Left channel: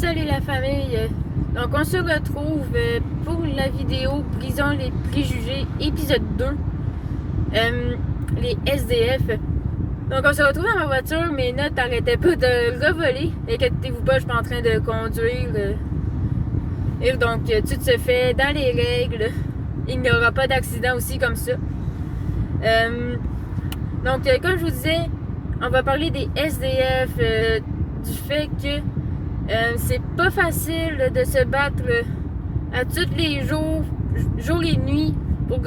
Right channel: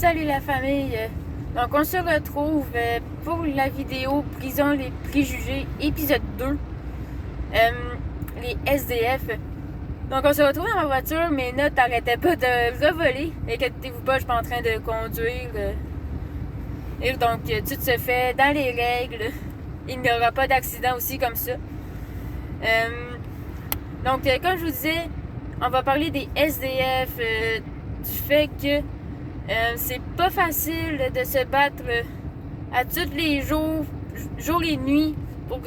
Salut la famille! Donc on se retrouve pour la vidéo Prison les préjugés, épisode 2, les SDF. Donc on se retrouve dans ma voiture, mes notes n'arrêtaient pas de revoler. Inquiétez-vous pas, je suis pas en train de conduire. Et donc tout se fait dans les règles. Il n'y aura pas d'accident aussi comme ça. Donc comme je vous disais, on va parler des SDF, du fait que c'est pas facile de se battre à tous les jours, jour et nuit, pour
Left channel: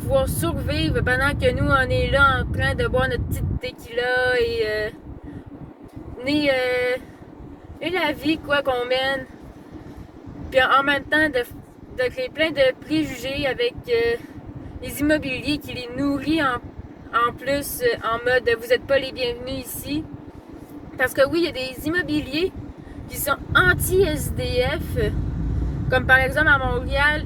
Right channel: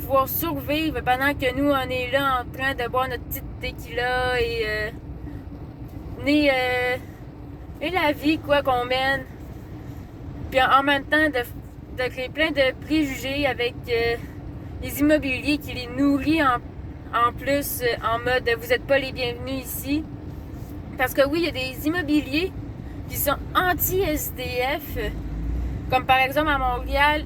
pouvoir survivre pendant que nous, on est là en train de boire notre petite tequila et la vie quoi qu'on mène. Puis en même temps, de créer plein de préjugés avec les immobiliers qui les nourrit en plus, en mode « vous n'êtes pas les bienvenus ici ». Parce que oui, il y a des immobiliers qui sont anti-SDF, comme par exemple à Montréal,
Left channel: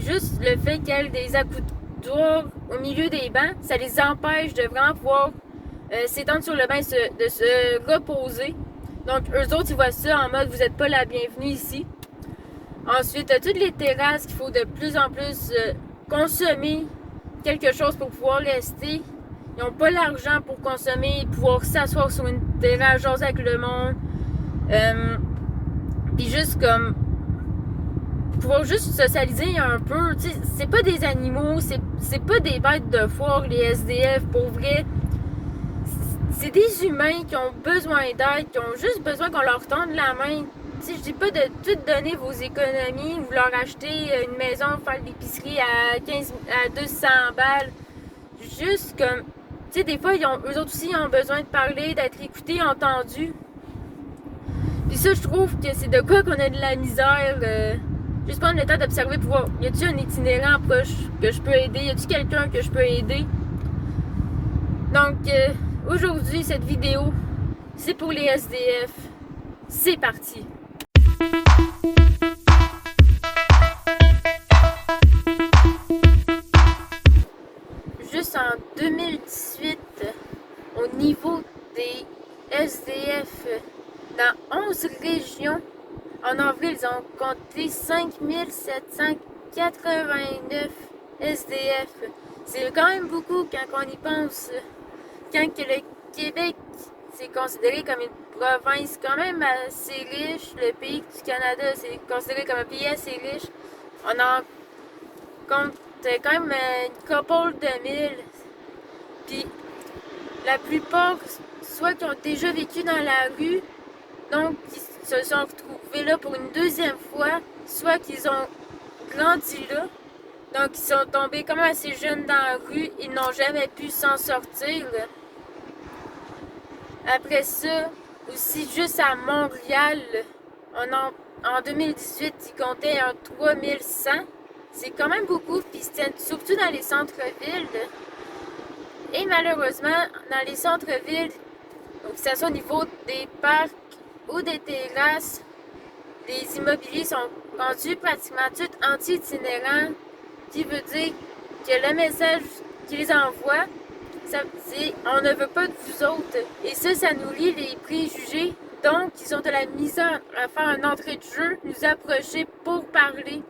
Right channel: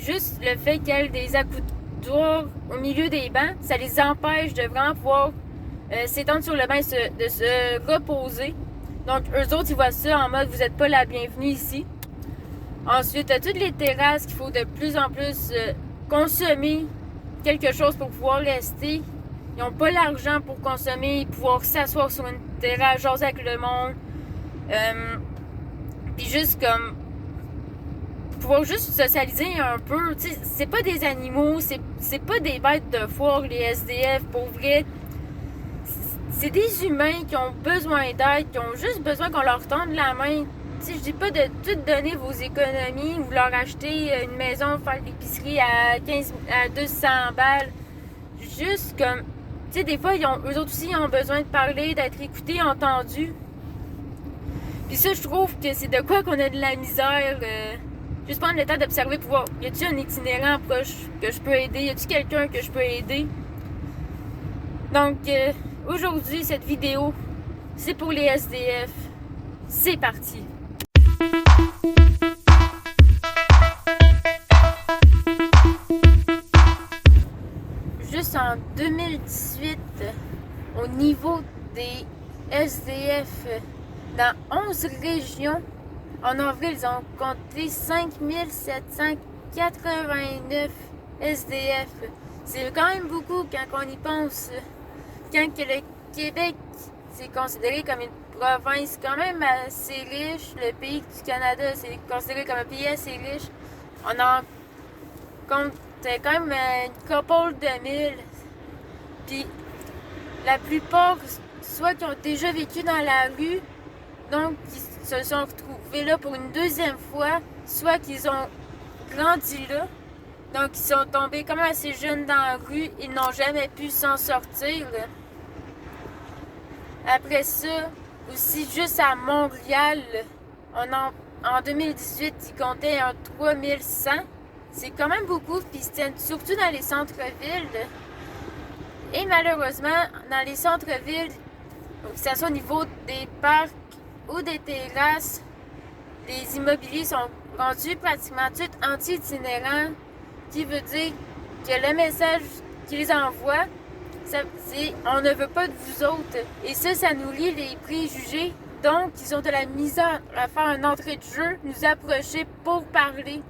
juste le fait qu'il y ait des accoudoirs au milieu des bancs, ça les empêche de vraiment pouvoir s'étendre sur le banc de se reposer. Donc eux autres, ils voient ça en mode « vous n'êtes pas la bienvenue ici ». Ensuite, toutes les terrasses qu'il faut de plus en plus consommer quelque chose pour pouvoir rester. Ils n'ont pas l'argent pour consommer, pouvoir s'asseoir sur une terrasse, jaser avec le monde. Puis juste comme pouvoir juste socialiser un peu. Tu sais, c'est pas des animaux, c'est pas des bêtes de foire, les SDF, pour vrai. C'est des humains qui ont besoin d'aide, qui ont juste besoin qu'on leur tende la main. Tu sais, je dis pas de tout donner vos économies, ou leur acheter une maison, faire l'épicerie à 200 balles. Juste comme, tu sais, des fois, eux autres aussi ont besoin de parler, d'être écoutés, entendus. Puis ça, je trouve que c'est de quoi qu'on a de la misère. Juste prendre le temps d'observer pour voir, y a-t-il un itinérant proche que je peux aider? Y a-t-il quelqu'un que je peux aider? Donc, aujourd'hui, cette vidéo, c'est pour les SDF. C'est parti! Juste en 2018, au niveau des SDF, dans 11 régions, en avril, ils ont compté 5789 SDF. C'est quand même beaucoup quand on y pense. Quand que le Québec, c'est considéré comme une province quand même assez riche, le pays du Canada, c'est considéré comme un pays assez riche. On en compte quand même une couple de mille. Puis la plupart, soit qui ont déjà vécu dans la rue, donc qui se sont retrouvés là pour une deuxième fois, soit qu'ils ont grandi là, donc ils sont tombés comme assez jeunes dans la rue, ils n'ont jamais pu s'en sortir. Après ça, aussi juste à Montréal, en 2018, ils comptaient un 3100. C'est quand même beaucoup, puis c'était surtout dans les centres-villes. Et malheureusement, dans les centres-villes, que ce soit au niveau des parcs ou des terrasses, les immobiliers sont rendus pratiquement tous anti-itinérants, qui veut dire que le message qu'ils envoient, c'est « on ne veut pas de vous autres ». Et ça nourrit les préjugés. Donc, ils ont de la misère à faire une entrée de jeu, nous approcher pour parler.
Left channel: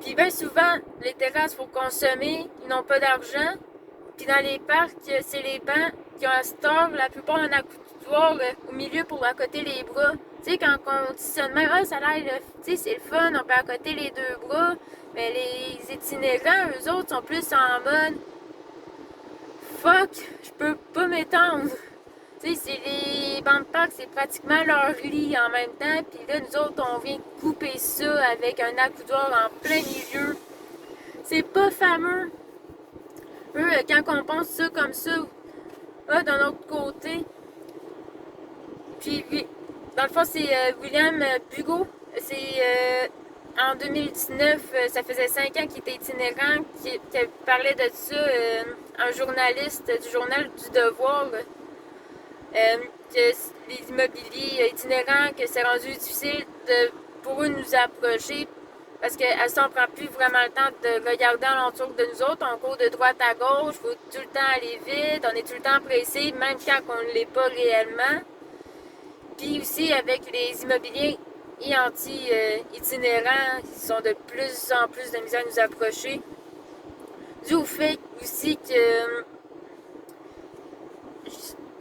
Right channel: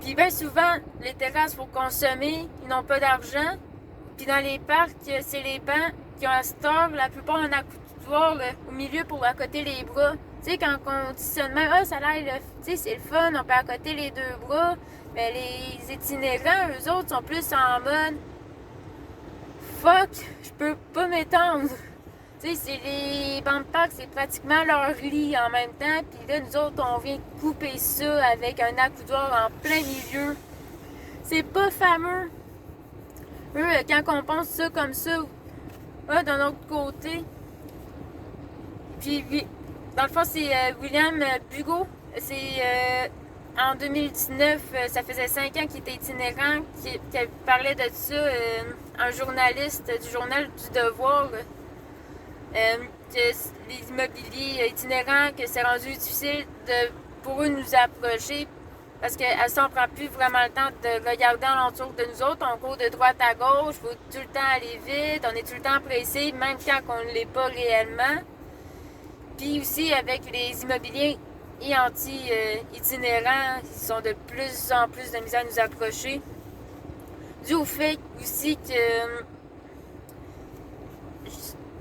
Puis bien souvent, les terrasses pour consommer, ils n'ont pas d'argent. Puis dans les parcs, c'est les bancs qui ont un store, la plupart ont un accoudoir au milieu pour accoter les bras. Tu sais, quand on dit ça de même, ça a l'air, tu sais, c'est le fun, on peut accoter les deux bras. Mais les itinérants, eux autres, sont plus en mode fuck, je peux pas m'étendre. Tu sais, c'est les bancs de parc, c'est pratiquement leur lit en même temps. Puis là, nous autres, on vient couper ça avec un accoudoir en plein milieu. C'est pas fameux. Eux, quand on pense ça comme ça, d'un autre côté. Puis, dans le fond, c'est William Bugault. C'est en 2019, ça faisait 5 ans qu'il était itinérant, qui parlait de ça, un journaliste du journal du Devoir. Que les immobiliers itinérants, que c'est rendu difficile pour eux de nous approcher parce qu'à ça, on prend plus vraiment le temps de regarder alentour de nous autres. On court de droite à gauche, il faut tout le temps aller vite, on est tout le temps pressé, même quand on ne l'est pas réellement. Puis aussi avec les immobiliers et anti-itinérants, ils sont de plus en plus de misère à nous approcher. Dû au fait aussi que...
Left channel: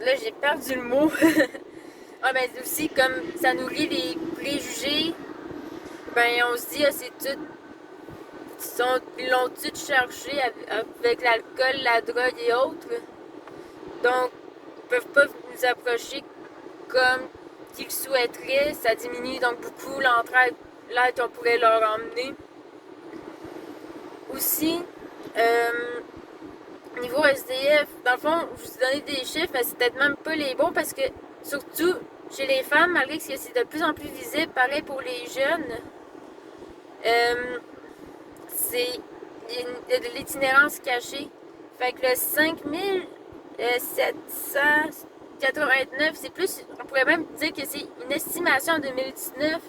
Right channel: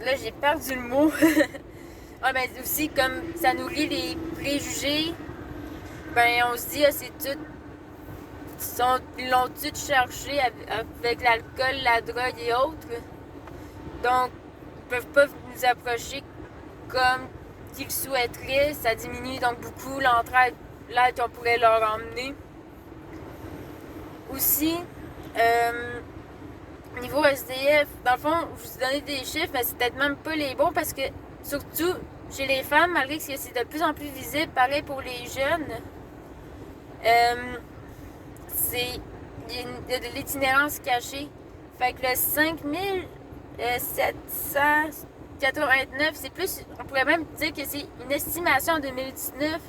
Là, j'ai perdu le mot. Ah ben aussi, comme ça nourrit les préjugés, ben on se dit, ah, c'est tout... Ils l'ont tout cherché avec l'alcool, la drogue et autres. Donc, ils peuvent pas nous approcher comme qu'ils le souhaiteraient. Ça diminue donc beaucoup l'entraide qu'on pourrait leur emmener. Aussi, niveau SDF, dans le fond, je vous ai donné des chiffres, mais c'est peut-être même pas les bons parce que, surtout chez les femmes, malgré que c'est de plus en plus visible, pareil pour les jeunes, il y a de l'itinérance cachée. Fait que le 5789, c'est plus, on pourrait même dire que c'est une estimation en 2019,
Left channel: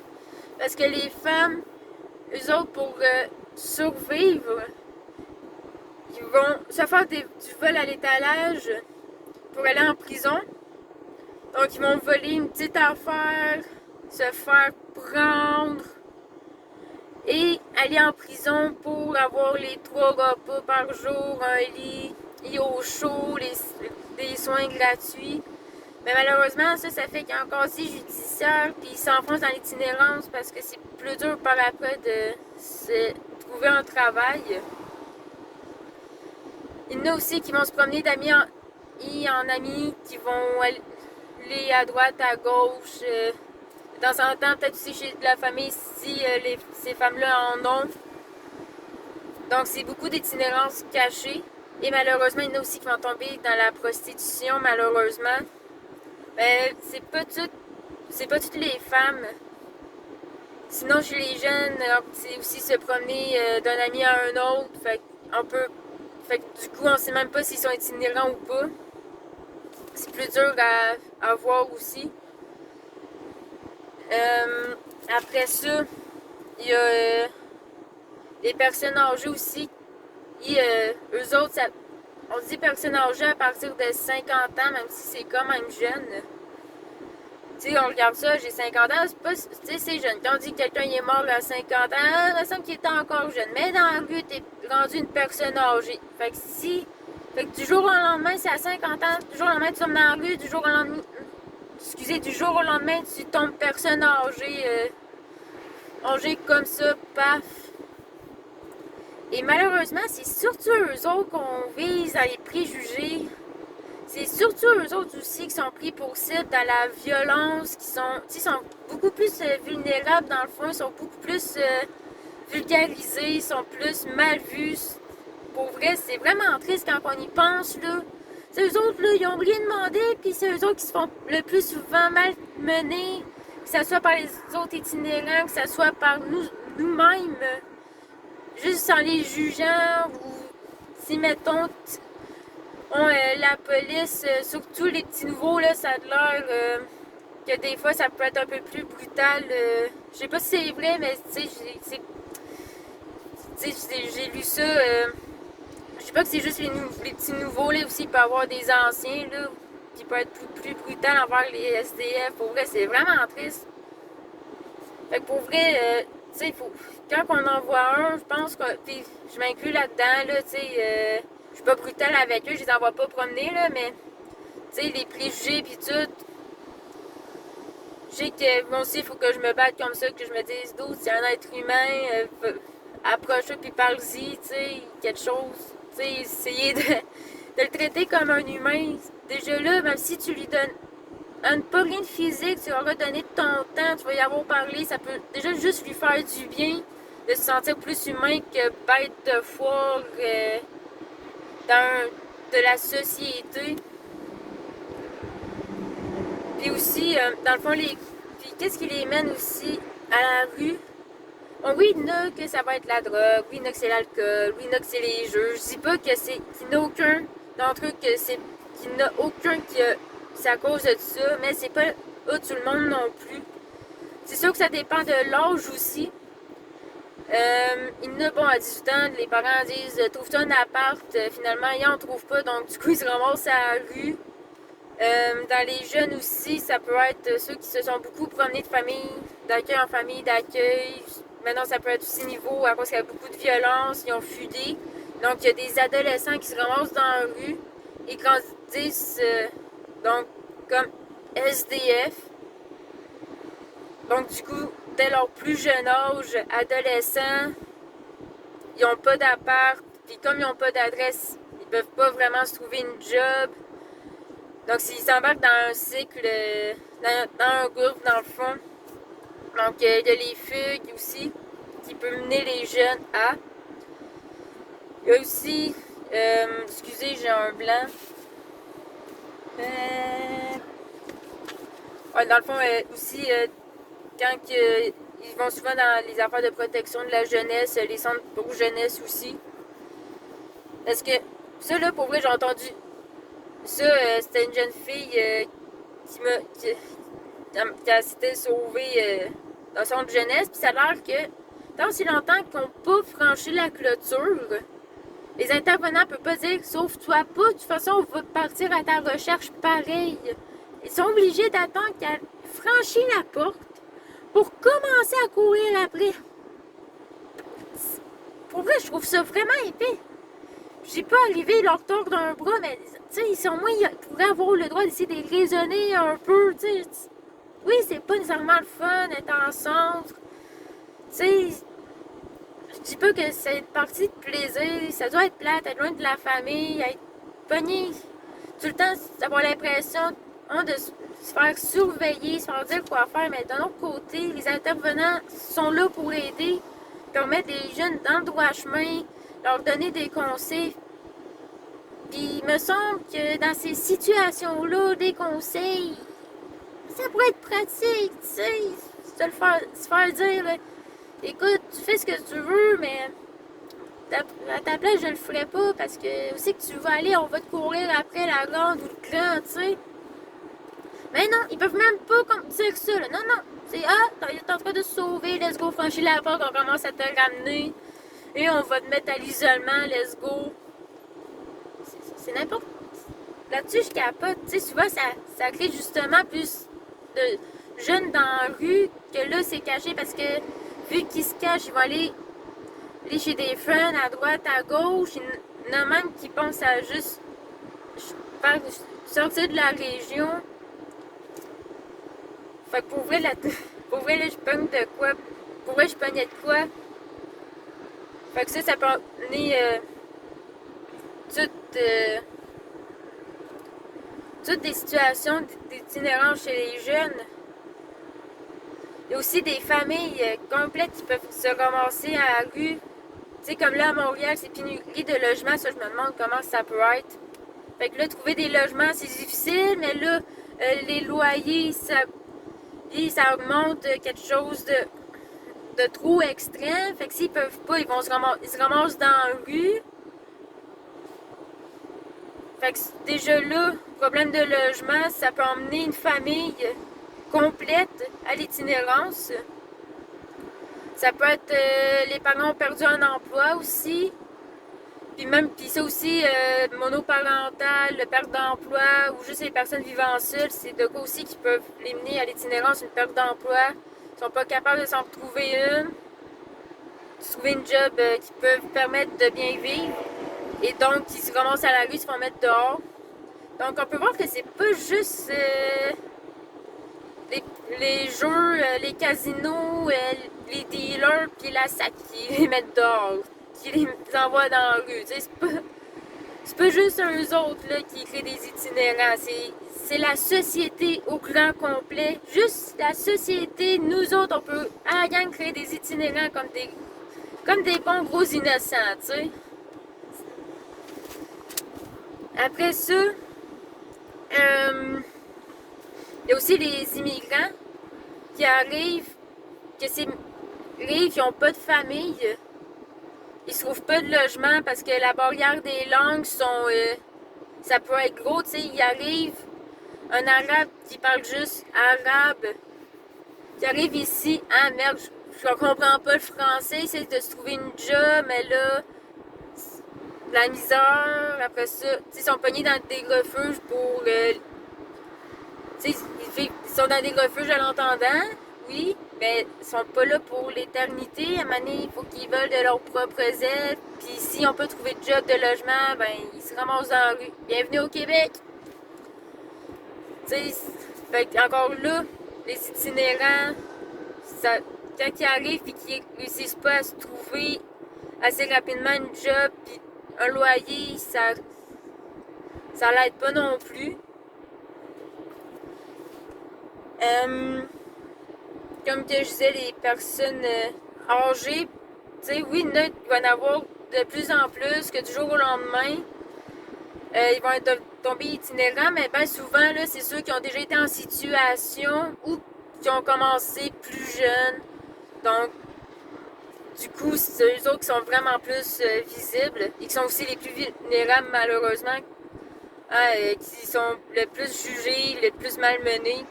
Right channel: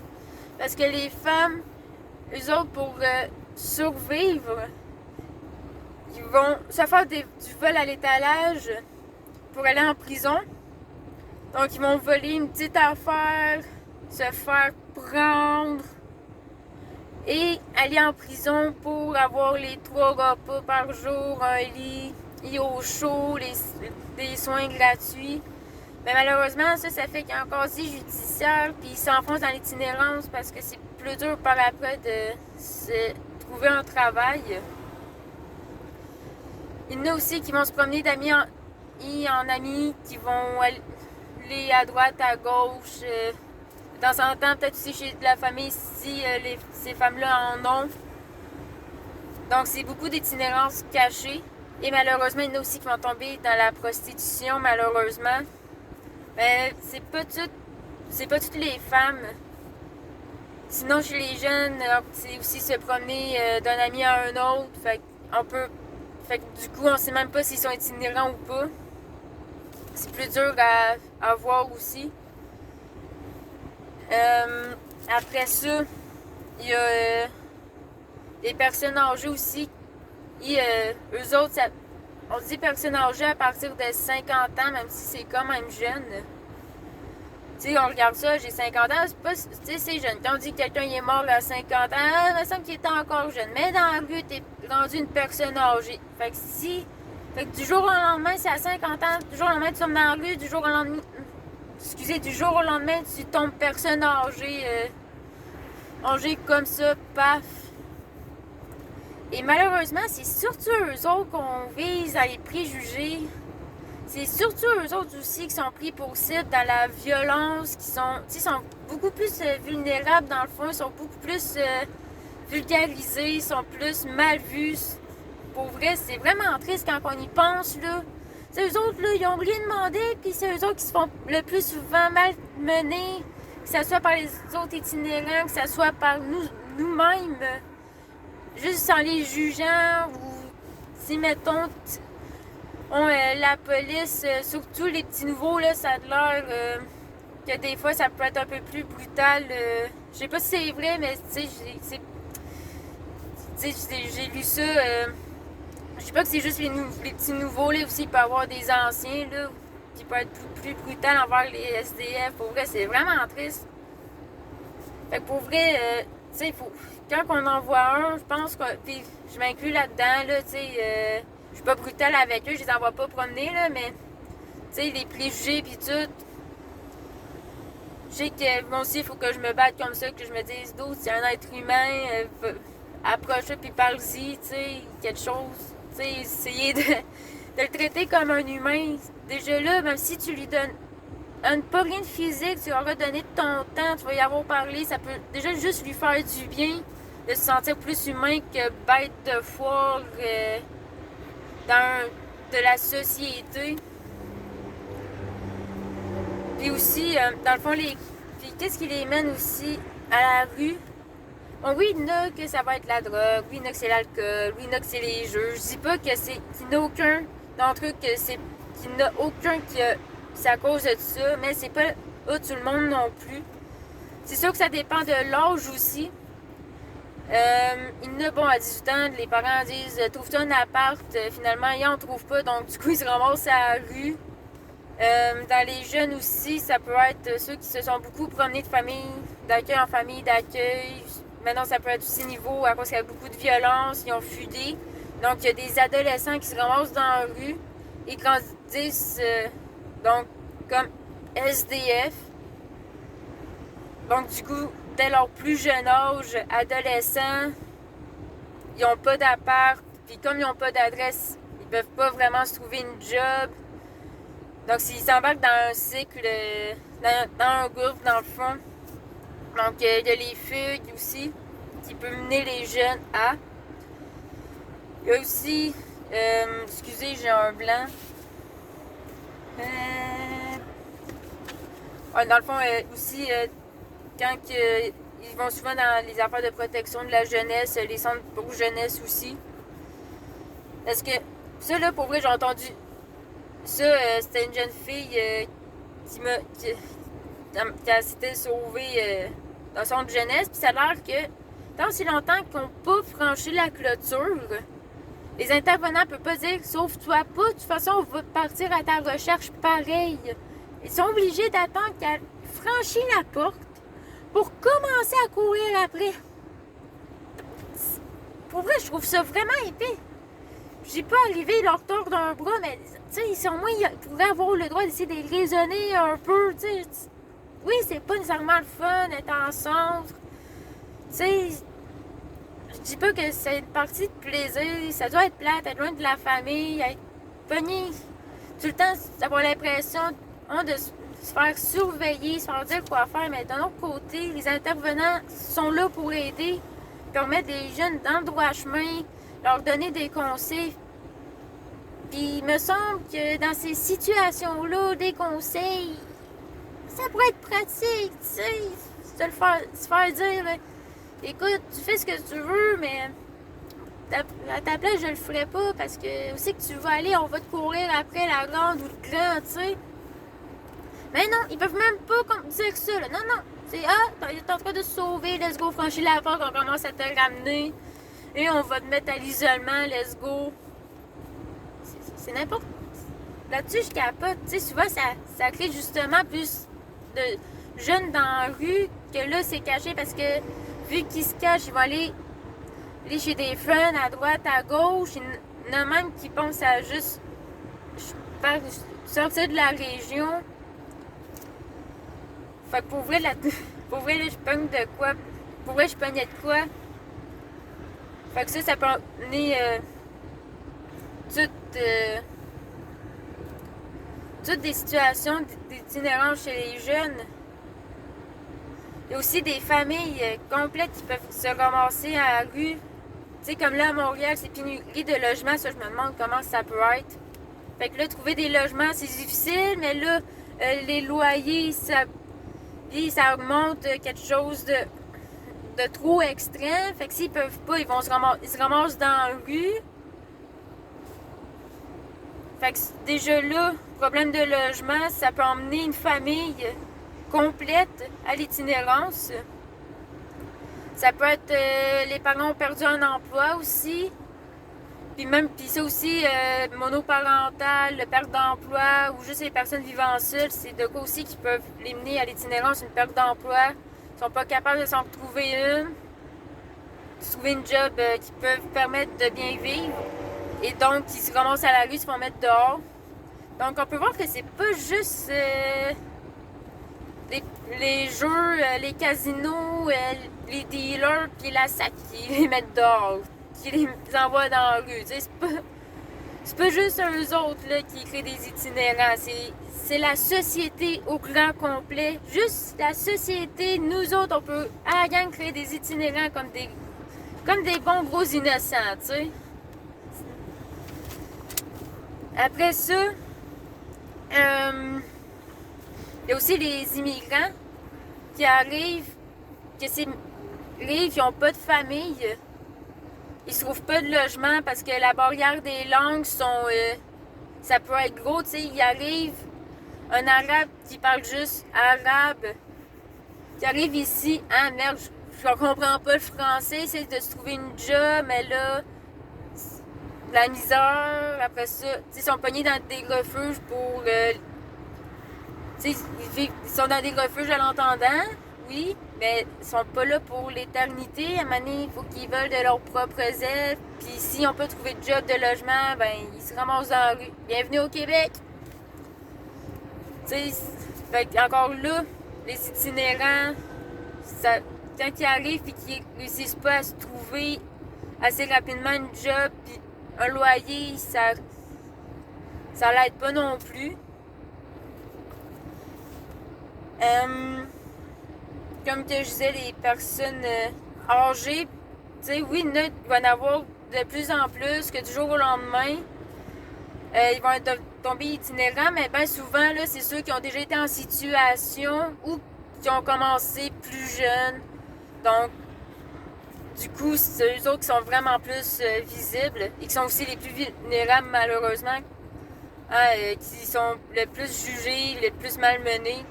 parce que les femmes, eux autres, pour survivre, ils vont se faire du vol à l'étalage pour aller en prison. Donc, ils vont voler une petite affaire, se faire prendre et aller en prison pour avoir les 3 repas par jour, un lit, au chaud, des soins gratuits. Mais malheureusement, ça fait qu'il y a un casier judiciaire, puis ils s'enfoncent dans l'itinérance parce que c'est plus dur par après de se trouver un travail. Il y en a aussi qui vont se promener d'amis en amis, qui vont aller à droite, à gauche. De temps en temps, peut-être aussi chez la famille si ces femmes-là en ont. Donc, c'est beaucoup d'itinérance cachée. Et malheureusement, il y en a aussi qui vont tomber dans la prostitution, malheureusement. Mais c'est pas toutes les femmes. Sinon, chez les jeunes, c'est aussi se promener d'un ami à un autre. Fait que du coup, on sait même pas s'ils sont itinérants ou pas. C'est plus dur à voir aussi. Après ça, il y a les personnes âgées aussi. Eux autres, on dit personnes âgées à partir de 50 ans, même si c'est quand même jeune. Tu sais, on regarde ça, j'ai 50 ans, c'est pas, tu sais, c'est jeune. Quand on dit que quelqu'un est mort à 50 ans, il me semble qu'il était encore jeune. Mais dans la rue, t'es rendu une personne âgée. Fait que du jour au lendemain, c'est à 50 ans, du jour au lendemain, tu tombes dans la rue, du jour au lendemain, tu tombes personne âgée comme ça, paf. Et malheureusement, c'est surtout eux autres qu'on vise à les préjuger. C'est surtout eux autres aussi qui sont pris pour cible dans la violence, qui sont beaucoup plus vulnérables dans le fond, ils sont beaucoup plus vulgarisés, ils sont plus mal vus. Pour vrai, c'est vraiment triste quand on y pense, là. C'est eux autres, là, ils ont rien demandé, puis c'est eux autres qui se font le plus souvent malmener, que ce soit par les autres itinérants, que ce soit par nous-mêmes, juste en les jugeant, ou si, mettons, la police, surtout les petits nouveaux, là, ça a l'air que des fois, ça peut être un peu plus brutal. Je sais pas si c'est vrai, mais tu sais, j'ai lu ça. Je sais pas que c'est juste les petits nouveaux, là, aussi, il peut y avoir des anciens, là, qui peuvent être plus brutal envers les SDF. Pour vrai, c'est vraiment triste. Fait que pour vrai, tu sais, quand on en voit un, je pense que, puis je m'inclus là-dedans, là, tu sais, je suis pas brutale avec eux, je les envoie pas promener, là, mais, tu sais, les préjugés pis tout, je sais que moi aussi, il faut que je me batte comme ça, que je me dise, d'autres, c'est un être humain, approche-le puis parle-y, tu sais, quelque chose. Tu sais, essayer de le traiter comme un humain. Déjà là, même si tu lui donnes pas rien de physique, tu auras donné de ton temps, tu vas y avoir parlé, ça peut déjà juste lui faire du bien, de se sentir plus humain que bête de foire de la société. Puis aussi, dans le fond, qu'est-ce qui les mène aussi à la rue? Bon, oui, il y en a que ça va être la drogue, oui, il y en a que c'est l'alcool, oui, il y en a que c'est les jeux. Je dis pas que qu'il n'y en a aucun d'entre eux qu'il n'y en a aucun c'est à cause de ça, mais c'est pas tout le monde non plus. C'est sûr que ça dépend de l'âge aussi. Il y en a, bon, à 18 ans, les parents disent trouve-toi un appart, finalement, ils en trouvent pas, donc du coup, ils se ramassent à la rue. Dans les jeunes aussi, ça peut être ceux qui se sont beaucoup promenés de famille d'accueil en famille d'accueil. Maintenant, ça peut être aussi niveau à cause qu'il y a beaucoup de violence, ils ont fugué. Donc, il y a des adolescents qui se ramassent dans la rue et grandissent donc comme SDF. Donc, du coup, dès leur plus jeune âge, adolescents, ils n'ont pas d'appart. Puis comme ils n'ont pas d'adresse, ils peuvent pas vraiment se trouver une job. Donc, s'ils s'embarquent dans un cycle, dans un groupe, dans le fond. Donc, il y a les fugues aussi, qui peuvent mener les jeunes à. Il y a aussi, excusez, j'ai un blanc. Ouais, dans le fond, aussi, quand ils vont souvent dans les affaires de protection de la jeunesse, les centres pour jeunesse aussi. Parce que, ça, là, pour vrai, j'ai entendu ça, c'était une jeune fille qui s'était sauvée dans son jeunesse, puis ça a l'air que tant aussi longtemps qu'ils n'ont pas franchi la clôture, les intervenants ne peuvent pas dire « sauve-toi pas, de toute façon, on va partir à ta recherche pareil ». Ils sont obligés d'attendre qu'elle franchisse la porte pour commencer à courir après. Pour vrai, je trouve ça vraiment épais. J'ai pas arrivé leur tordre d'un bras, mais sur moi, ils pourraient avoir le droit d'essayer de les raisonner un peu, t'sais. Oui, c'est pas nécessairement le fun d'être ensemble. Je dis pas que c'est une partie de plaisir, ça doit être plate, être loin de la famille, être pogné tout le temps, avoir l'impression de se faire surveiller, se faire dire quoi faire, mais d'un autre côté, les intervenants sont là pour aider, pour mettre des jeunes dans le droit chemin, leur donner des conseils. Puis il me semble que dans ces situations-là, des conseils, ça pourrait être pratique, tu sais, se faire dire, écoute, tu fais ce que tu veux, mais à ta place, je le ferai pas parce que où c'est que tu vas aller, on va te courir après la grande ou le grand, tu sais. Mais non, ils peuvent même pas dire ça, là. Non, non. C'est, t'es en train de se sauver, let's go, franchir la porte, on commence à te ramener. Et on va te mettre à l'isolement, let's go. C'est n'importe. Là-dessus, je capote. Tu sais, souvent, ça crée justement plus de jeunes dans la rue que là, c'est caché parce que vu qu'ils se cachent, ils vont aller chez des friends à droite, à gauche. Il y en a même qui pensent à juste sortir de la région. Fait que pour vrai, là, je pogne de quoi? Pour vrai, je pognais de quoi? Fait que ça peut amener toutes des situations d'itinérance chez les jeunes. Il y a aussi des familles complètes qui peuvent se ramasser à la rue. Tu sais, comme là à Montréal, c'est pénurie de logements. Ça, je me demande comment ça peut être. Fait que là, trouver des logements, c'est difficile, mais là, les loyers, ça augmente quelque chose de trop extrême. Fait que s'ils peuvent pas, ils se ramassent dans la rue. Fait que déjà là, problème de logement, ça peut emmener une famille complète à l'itinérance. Ça peut être les parents ont perdu un emploi aussi. Puis ça aussi, monoparental, le perte d'emploi ou juste les personnes vivant seules, c'est de quoi aussi qui peuvent les mener à l'itinérance, une perte d'emploi. Ils sont pas capables de s'en trouver trouver une job qui peut permettre de bien vivre. Et donc, ils se ramassent à la rue, ils se font mettre dehors. Donc, on peut voir que c'est pas juste les jeux, les casinos, les dealers, puis la SAC qui les mettent dehors, qui les envoient dans la rue. C'est pas juste eux autres là, qui créent des itinérants. C'est la société au grand complet. Juste la société, nous autres, on peut à la gang créer des itinérants comme des bons gros innocents, tu sais. Après ça, il y a aussi les immigrants qui arrivent, ils n'ont pas de famille, ils se trouvent pas de logement parce que la barrière des langues ça peut être gros, tu sais, il arrive un arabe qui parle juste arabe, qui arrive ici, ah merde, je comprends pas le français, il essaie de se trouver une job, mais là, la misère, après ça, ils sont pognés dans des refuges pour Ils sont dans des refuges à l'entendant, oui, mais ils sont pas là pour l'éternité. À un moment donné, il faut qu'ils veulent de leurs propres ailes. Puis s'ils n'ont pas trouvé de job, de logement, ben ils se ramassent dans la rue. Bienvenue au Québec! Encore là, les itinérants, ça, quand ils arrivent et qu'ils réussissent pas à se trouver assez rapidement une job, puis un loyer, ça l'aide pas non plus. Comme que je disais, les personnes âgées, oui, il va y en avoir de plus en plus, que du jour au lendemain, ils vont tomber itinérants, mais bien souvent, là, c'est ceux qui ont déjà été en situation ou qui ont commencé plus jeunes. Donc, du coup, c'est eux autres qui sont vraiment plus visibles et qui sont aussi les plus vulnérables, malheureusement, qui sont le plus jugés, le plus malmenés,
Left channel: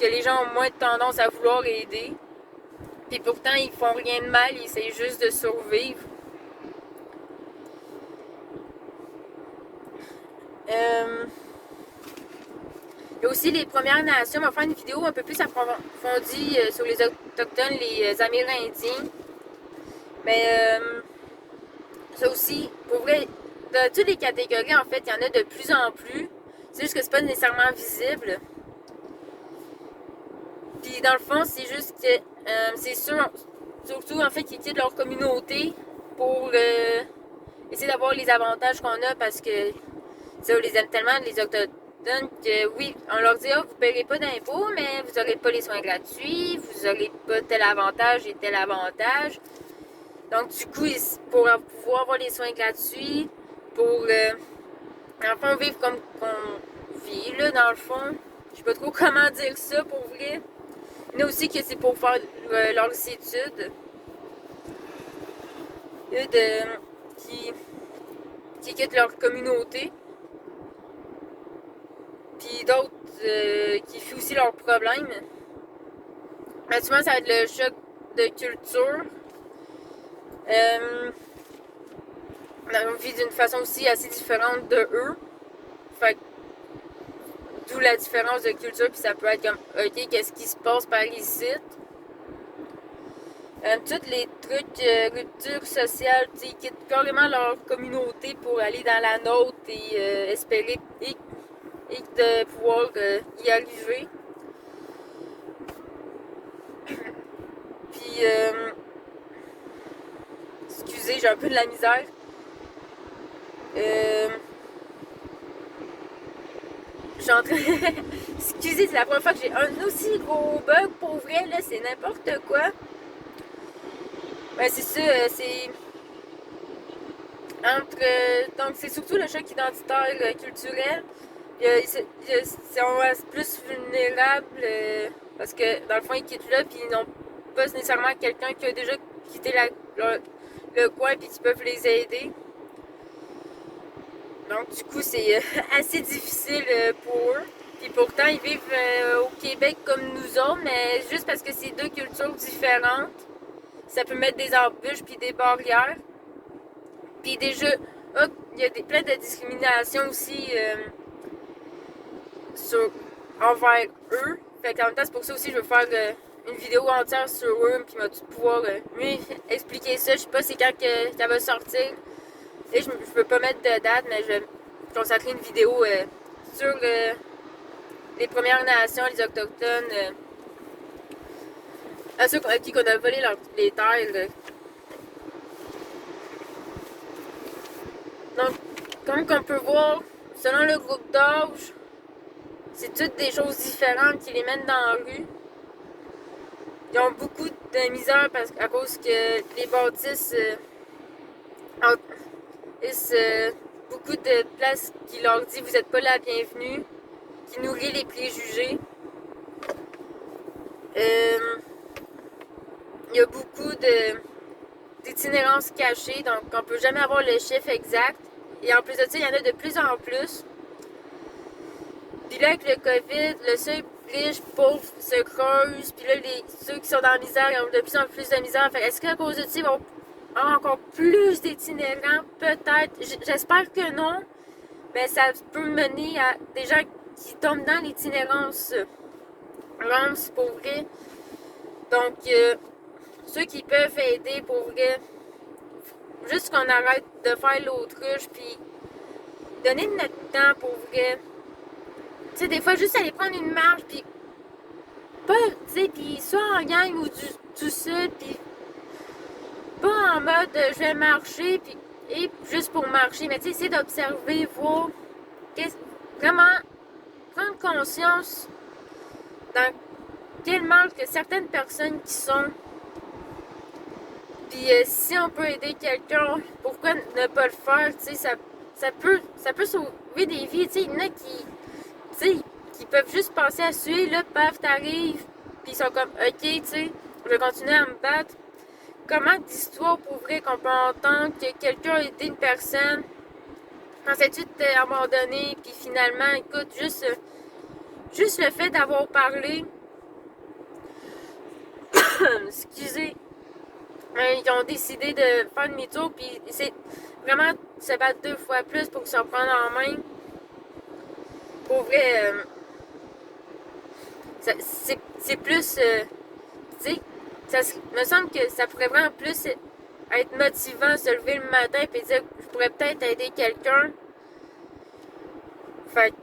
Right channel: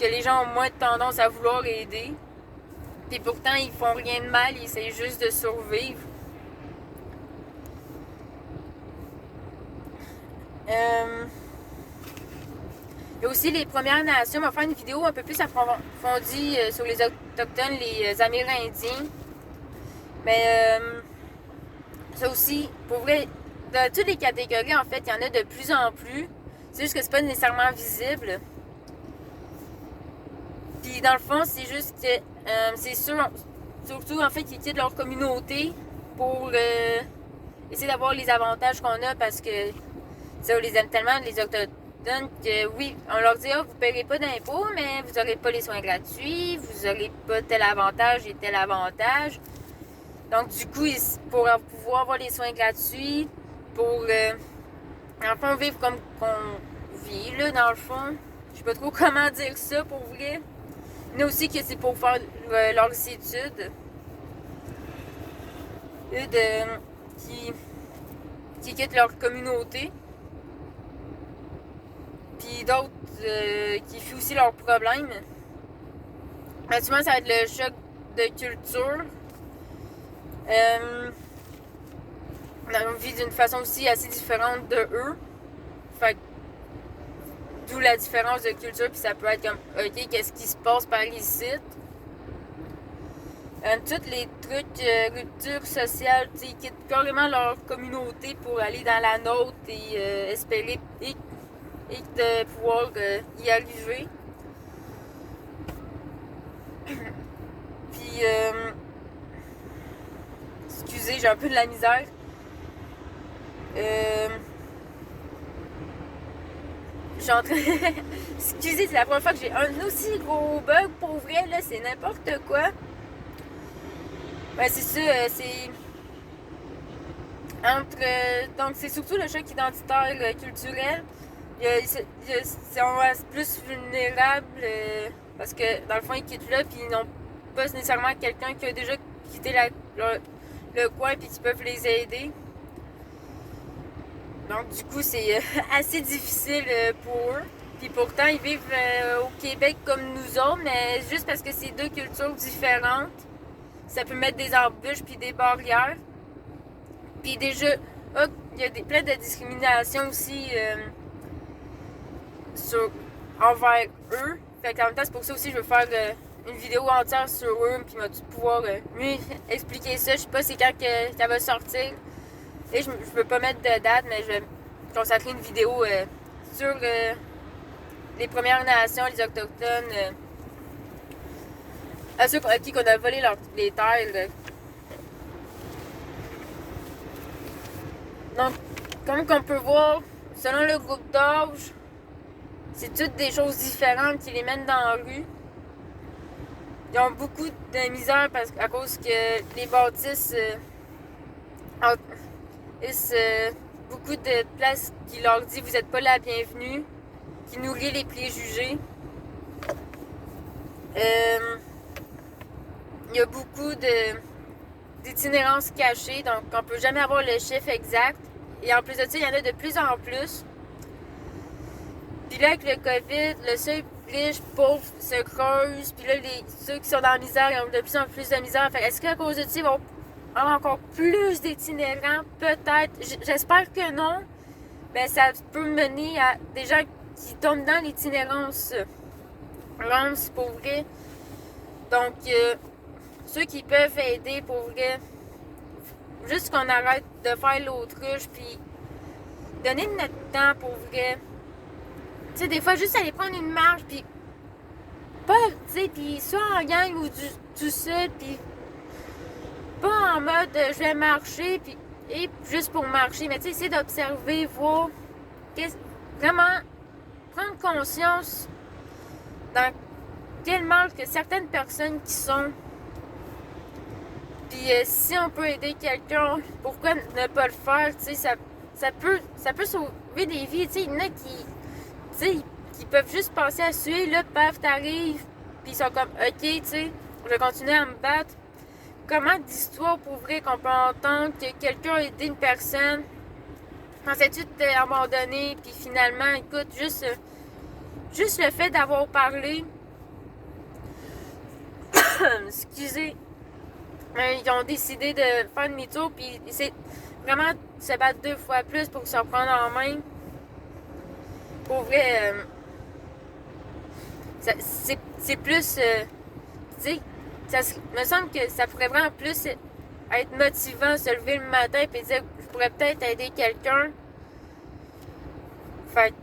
que les gens ont moins de tendance à vouloir aider. Puis pourtant, ils font rien de mal, ils essaient juste de survivre. Il y a aussi les Premières Nations. On va faire une vidéo un peu plus approfondie sur les Autochtones, les Amérindiens. Mais ça aussi, pour vrai, dans toutes les catégories, en fait, il y en a de plus en plus. C'est juste que c'est pas nécessairement visible. Puis dans le fond, c'est juste que c'est sûr, surtout en fait, qu'ils quittent leur communauté pour essayer d'avoir les avantages qu'on a parce que ça, on les aime tellement, les Autochtones, que oui, on leur dit, vous ne paierez pas d'impôts, mais vous n'aurez pas les soins gratuits, vous n'aurez pas tel avantage et tel avantage. Donc, du coup, pour pouvoir avoir les soins gratuits, pour, en fond, vivre comme on vit, là, dans le fond. Je sais pas trop comment dire ça, pour vrai. Mais aussi que c'est pour faire leurs études. Qui quittent leur communauté. Puis d'autres qui fuient aussi leurs problèmes. Mais souvent, ça va être le choc de culture. On vit d'une façon aussi assez différente de eux. Fait d'où la différence de culture, puis ça peut être comme, ok, qu'est-ce qui se passe par ici? Tous les trucs, ruptures sociales, ils quittent carrément leur communauté pour aller dans la nôtre et espérer et de pouvoir y arriver. Puis, excusez, j'ai un peu de la misère. Excusez, c'est la première fois que j'ai un aussi gros bug pour vrai, là, c'est n'importe quoi. Ben, c'est ça, c'est donc, c'est surtout le choc identitaire culturel. On reste plus vulnérable parce que, dans le fond, ils quittent là, puis ils n'ont pas nécessairement quelqu'un qui a déjà quitté le coin, puis qui peuvent les aider. Donc, du coup, c'est assez difficile pour eux. Puis pourtant, ils vivent au Québec comme nous autres, mais juste parce que c'est deux cultures différentes, ça peut mettre des embûches puis des barrières. Puis déjà, il y a plein de discrimination aussi envers eux. Fait qu'en même temps, c'est pour ça aussi que je veux faire une vidéo entière sur eux, puis pouvoir mieux expliquer ça. Je sais pas c'est quand que ça va sortir. Et je peux pas mettre de date, mais je vais consacrer une vidéo sur les Premières Nations, les Autochtones, à ceux à qui on a volé les terres. Donc, comme on peut voir, selon le groupe d'âge, c'est toutes des choses différentes qui les mènent dans la rue. Ils ont beaucoup de misère à cause que les bâtisses beaucoup de places qui leur dit vous n'êtes pas la bienvenue, qui nourrit les préjugés. Il y a beaucoup d'itinérance cachée, donc on ne peut jamais avoir le chiffre exact. Et en plus de ça, il y en a de plus en plus. Puis là, avec le COVID, le seuil riche, pauvre se creuse. Puis là, ceux qui sont dans la misère, ils ont de plus en plus de misère. Fait est-ce qu'à cause de ça, ils vont avoir encore plus d'itinérants? Peut-être. J'espère que non. Mais ça peut mener à des gens qui qui tombent dans l'itinérance lance pour vrai. Donc, ceux qui peuvent aider pour vrai, juste qu'on arrête de faire l'autruche, puis donner de notre temps pour vrai. Tu sais, des fois, juste aller prendre une marche, puis pas, tu sais, puis soit en gang ou tout seul, puis pas en mode je vais marcher, puis et juste pour marcher, mais tu sais, essayer d'observer, voir, vraiment prendre conscience dans quel mal que certaines personnes qui sont. Puis si on peut aider quelqu'un, pourquoi ne pas le faire? Tu sais, ça peut sauver des vies. Tu sais, il y en a qui, tu sais, qui peuvent juste penser à suer, là, paf, t'arrives, puis ils sont comme, ok, tu sais, je vais continuer à me battre. Comment d'histoires pour vrai qu'on peut entendre que quelqu'un a aidé une personne, pensais-tu t'es abandonné, puis finalement, écoute, juste le fait d'avoir parlé, excusez, ils ont décidé de faire demi-tour, puis c'est vraiment se battre 2 fois plus pour se prendre en main. Pour vrai, c'est plus, tu sais, ça me semble que ça pourrait vraiment plus être motivant, se lever le matin et dire je pourrais peut-être aider quelqu'un. Fait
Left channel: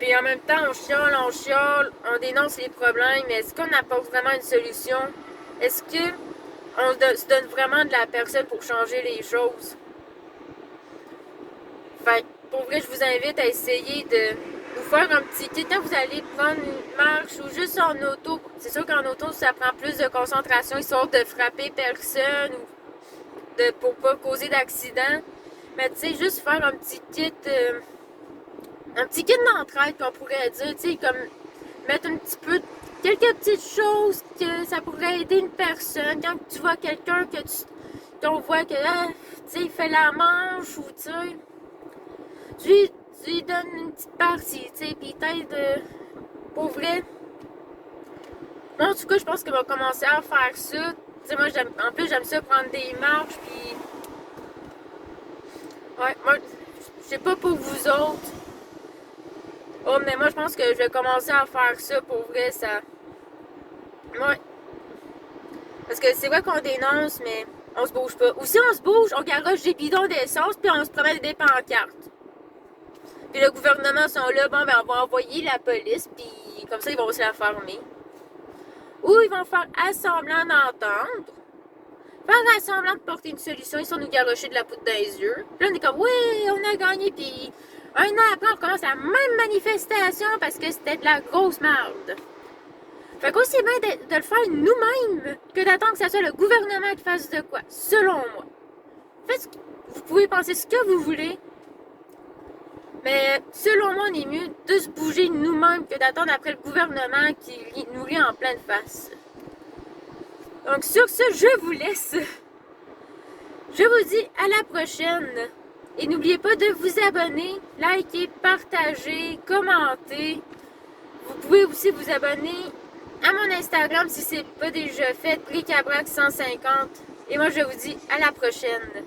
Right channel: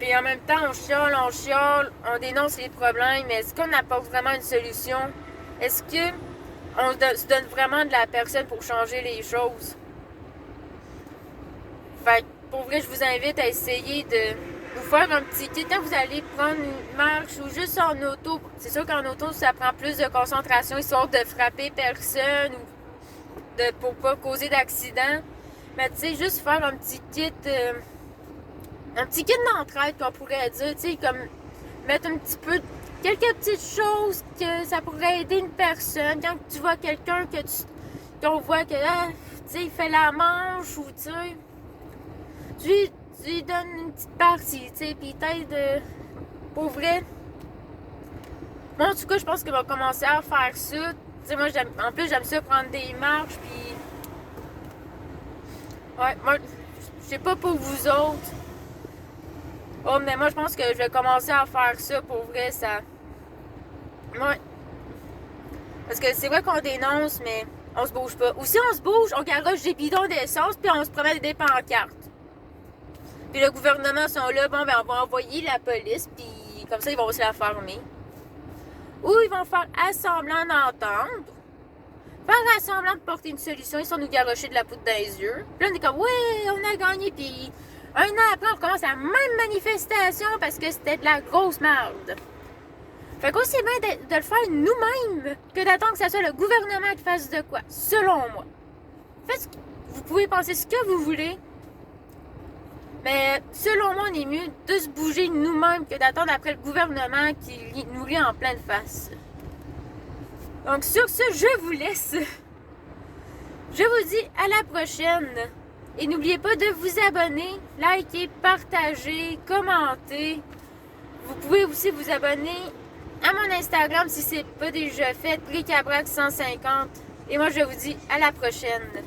puis en même temps, on chiale, on dénonce les problèmes, mais est-ce qu'on apporte vraiment une solution? Est-ce que on se donne vraiment de la personne pour changer les choses? Fait pour vrai, je vous invite à essayer de vous faire un petit kit. Quand vous allez prendre une marche ou juste en auto, c'est sûr qu'en auto, ça prend plus de concentration, histoire de frapper personne ou pour pas causer d'accident. Mais tu sais, juste faire un petit kit d'entraide qu'on pourrait dire, tu sais, comme mettre un petit peu, quelques petites choses que ça pourrait aider une personne. Quand tu vois quelqu'un qu'on voit que, tu sais, il fait la manche ou, tu sais, tu lui donnes une petite partie, tu sais, puis t'aides pour vrai. Moi, en tout cas, je pense qu'on va commencer à faire ça. Tu sais, moi, en plus, j'aime ça prendre des marches, puis... Ouais, moi, je sais pas pour vous autres. Oh, mais moi, je pense que je vais commencer à faire ça pour vrai, ça... Ouais. Parce que c'est vrai qu'on dénonce, mais on se bouge pas. Ou si on se bouge, on garoche des bidons d'essence, puis on se promène des pancartes. Puis le gouvernement sont là, bon, ben on va envoyer la police, puis comme ça, ils vont se la fermer. Ou ils vont faire assemblant d'entendre, faire semblant de porter une solution, ils sont nous garocher de la poudre dans les yeux. Puis là, on est comme, oui, on a gagné, puis un an après, on commence la même manifestation parce que c'était de la grosse merde. Fait qu'aussi bien de le faire nous-mêmes que d'attendre que ce soit le gouvernement qui fasse de quoi, selon moi. Faites, vous pouvez penser ce que vous voulez, mais selon moi, on est mieux de se bouger nous-mêmes que d'attendre après le gouvernement qui nous lit en pleine face. Donc sur ce, je vous laisse. Je vous dis à la prochaine. Et n'oubliez pas de vous abonner, liker, partager, commenter. Vous pouvez aussi vous abonner à mon Instagram si ce n'est pas déjà fait, Bricabrac150. Et moi, je vous dis à la prochaine.